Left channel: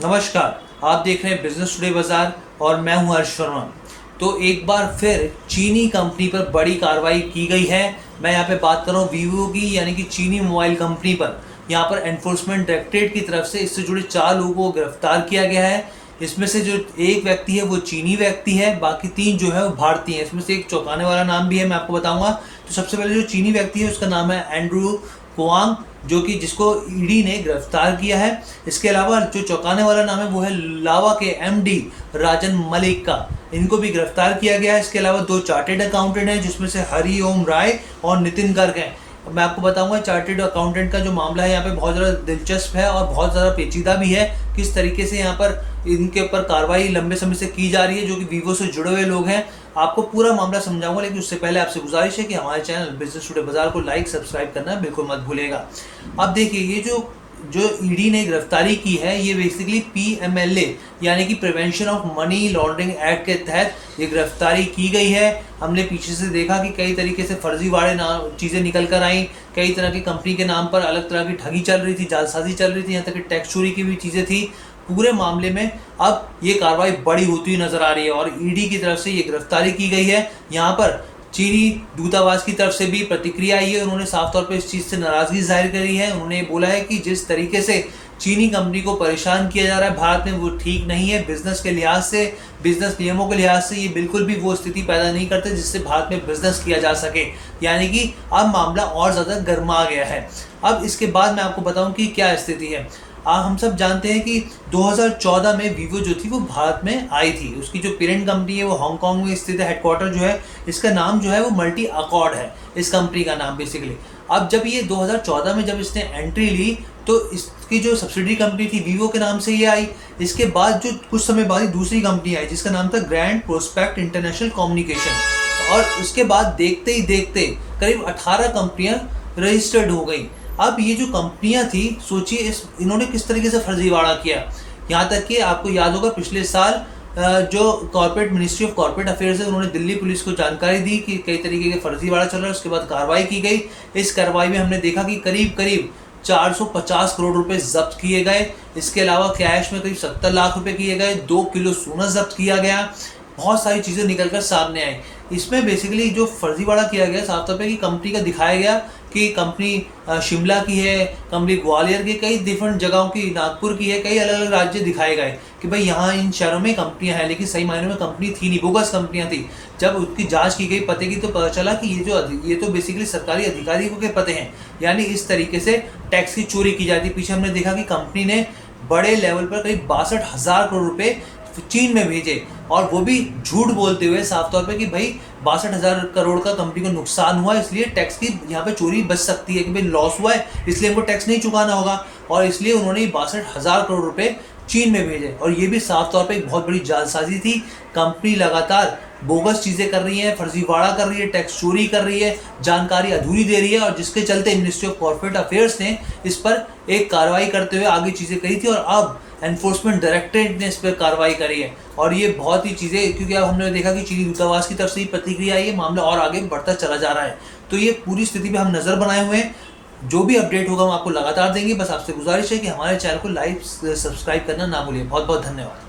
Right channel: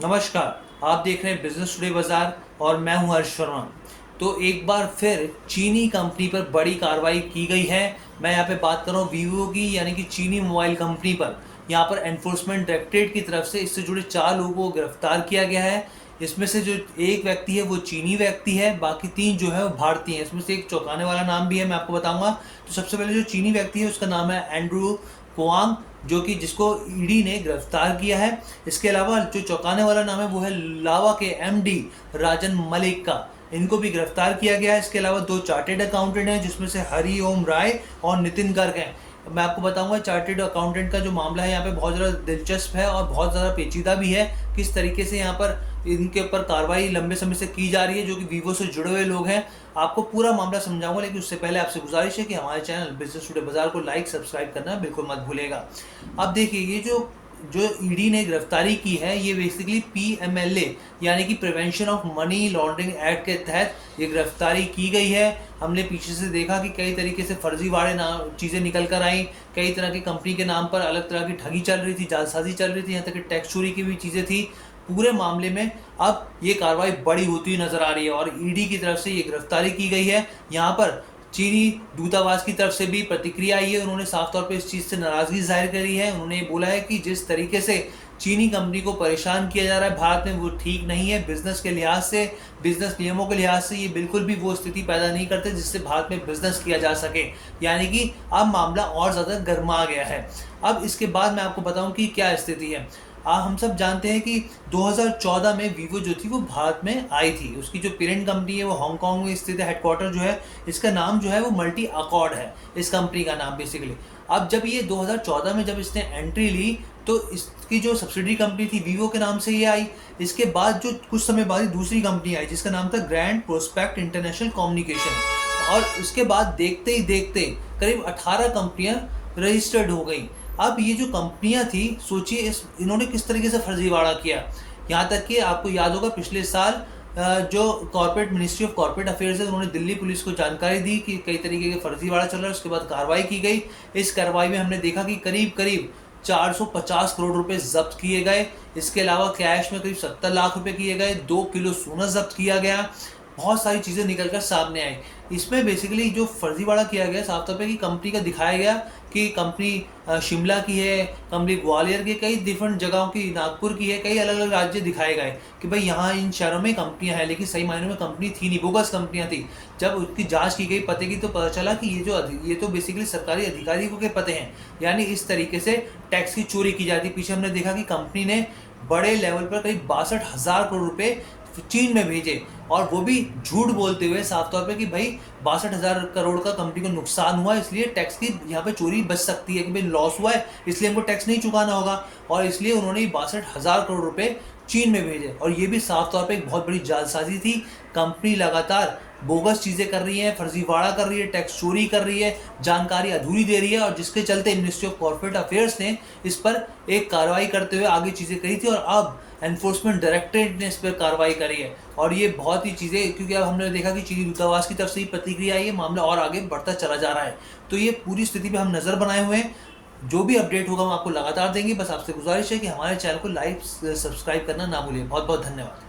नमस्कार, आप देख रहे हैं बिजनेस टुडे बाजार और मैं हूं हर्ष शर्मा। तो एक बार फिर चीनी कंपनी पर बड़ी कार्रवाई की गई है। मैं यहां पे बात कर रहा हूं वीवो की, यानी कि चीनी मोबाइल कंपनी पर। यहां पर एनफोर्समेंट डायरेक्टरेट की तरफ से इससे जुड़े 4 लोगों को गिरफ्तार किया गया है। इसमें से जो एक व्यक्ति है वो चीनी व्यक्ति है, बाकी 3 जो है वो भारतीय है। इसमें से एक चौंकाने वाला नाम भी है, मैं आपको बताऊंगा। तो सबसे पहले जो चीनी व्यक्ति है उसका नाम है एंड्रू कुआंग, जो कि जिसको ईडी ने गिरफ्तार किया है। इसके अलावा जो चौंकाने वाला नाम है वो है लावा के एमडी राजन मलिक का, इनको भी गिरफ्तार किया गया है। इसके अलावा 2 चार्टेड अकाउंटेंट हैं, जिसमें से हरि ओम राय और नितिन गर्ग हैं। मैं आपको बताऊंगा चार्टेड अकाउंटेंट का जो मामला है यहाँ पे बहुत ज़्यादा दिलचस्प है और बहुत ज़्यादा पेचीदा भी है। किस तरीके से यहाँ पर इनके ऊपर कार्रवाई लंबे समय से की जा रही है, जो कि वीवो से जुड़े हुए लोग हैं। आपको पूरा मामला समझाऊंगा, लेकिन उससे पहले आपसे गुजारिश है कि हमारे चैनल बिजनेस टुडे बाजार को लाइक सब्सक्राइब करना बिल्कुल मत भूलिएगा। अब देखिए, ये जो ईडी ने गिरफ्तारी की है, ये बेसिकली पीएमएलए यानी कि prevention of money laundering act के तहत ये गिरफ्तारी की गई है। हमने पीछे से देखा कि कई तरीके से फर्जीवाड़े चीज़ें निकल कर आई, कई तरह की कंपनी के नाम पर अलग तरह की ठगी चल रही थी, जालसाजी चल रही थी, यहाँ तक कि टैक्स चोरी की भी चीज़ें थी। पूरे मामले में अब ये कार्रवाई बड़ी होती हुई नजर आ रही है और ईडी की तरफ से ये गिरफ्तारी की गई है। यहाँ पर चीनी दूतावास की तरफ से भी प्रतिक्रिया आई है। उन्होंने साफ तौर पे इस चीज़ से नाराजगी जाहिर करी है। उन्होंने बोला है कि जिस तरीके से चीनी कंपनी को परेशान किया जा रहा है भारत में, वो ठीक नहीं है। बिजनेस के लिहाज से, बिजनेस नियमों के लिहाज से ये बिल्कुल भी वो स्थिति पैदा नहीं करते जिससे भारत में बिजनेस किया जा सके। यानी कि अब मामला और ज़्यादा गर्मा गया है। अब इसके बाद मैं आपको बताऊं कि क्या स्थिति है। हम सब जानते हैं कि 2014 में वीवो जो थी वो भारत में आई थी। उसकी जो पेरेंट कंपनी है वो हांगकांग में स्थित है। हेडक्वार्टर जो है इसका नाम जो है वो मल्टी अकॉर्ड है, इस कंपनी का नाम बेसिकली। अब जब ये 2014 में जब इसने एंट्री ली तो इसकी जो सब्सिडरी कंपनी थी वीवो के नाम से ये आई। इसके बाद जो कुछ समय बाद दूसरी कंपनी आई जिसका नाम था ग्रैंड प्रोस्पेक्ट इंटरनेशनल कम्युनिकेशन, और उसके बाद देखते ही देखते करीब 18 कंपनियां रजिस्टर्ड हो गई। अब ये जो कंपनियां थी, सोचिए इन्होंने किस तरीके से फर्जीवाड़ा किया। यहाँ तक कि आपको याद होगा पिछले साल जो corporate ministry of corporate affairs है, उन्होंने दिल्ली पुलिस को जानकारी दी कि कई तरीके के फर्जीवाड़ा चल रहा है। उसके बाद कार्रवाई की गई। इस कार्रवाई में हमने देखा कि करीब करीब 450 करोड़ रुपए जब्त किए गए। इसके अलावा कैश में करीब 70 लाख रुपए किए गए। 2 किलो सोना जब्त किया गया। बहुत सारी चीज़ें निकलकर सामने आई। इसमें बेसिकली जो फर्जीवाड़ा किया गया साफ तौर पे कि कंपनी का दिखाया गया कि कंपनी शिमला की है, कंपनी ग्वालियर की, कई डिफरेंट जगहों की, नागपुर की है, कई अलग अलग राज्य दिखाए गए कि भाई यहाँ इन शहरों में कंपनियां हैं, लेकिन सही मायने में कंपनी थी नहीं, बोगस कंपनियां थी। जब उसकी जांच की गई पते की तो पता चला कि ये तो बेसिकली सरकारी अधिकारियों के पते हैं। यानी इस तरीके से टैक्स की चोरी की जाती। पीछे हमने देखा कि कंपनी ने बड़े लेवल पर करीब 62,000 करोड़ रुपए चीन में भेजे, और वो भी झूठ बोलते हुए साफ तौर पे कि भाई 62,000 करोड़ का कंपनी को नुकसान हुआ, इसलिए टैक्स की यहाँ पे चोरी बच सकती है कि भाई लॉस हुआ है इसलिए हमको टैक्स नहीं चुकाना होगा, और इसलिए उन्होंने 62,000 करोड़ रुपए चीन में भेजे। और ये भी साफ तौर पे एक बहुत बड़ी जालसाजी थी। कंपनी लगातार बोगस चीज़ें कर रही है, फर्जीवाड़ा कर रही है, टैक्स चोरी कर रही है, जानकारी अधूरी दे रही है, और जिसके चलते मिनिस्ट्री ऑफ कॉर्पोरेट अफेयर्स ने इस पर एक कार्रवाई करते हुए आगे चीज़ें करी थी, और अब एनफोर्समेंट डायरेक्टरेट ने इस पर कार्रवाई करी है। और ये बहुत ही चीज़ें, क्योंकि अब हमने देखा कि चीनी दूतावास की तरफ से ही प्रतिक्रिया आई है, मामला और आगे बढ़ता चला जा रहा है। तो ये पूरी स्थिति पे हम नज़र बनाए हुए हैं। जो भी अपडेट होगा हम आपको लगातार देंगे। बस आपसे गुजारिश है कि हमारे चैनल को लाइक सब्सक्राइब करना ना भूलिए। बहुत बहुत धन्यवाद।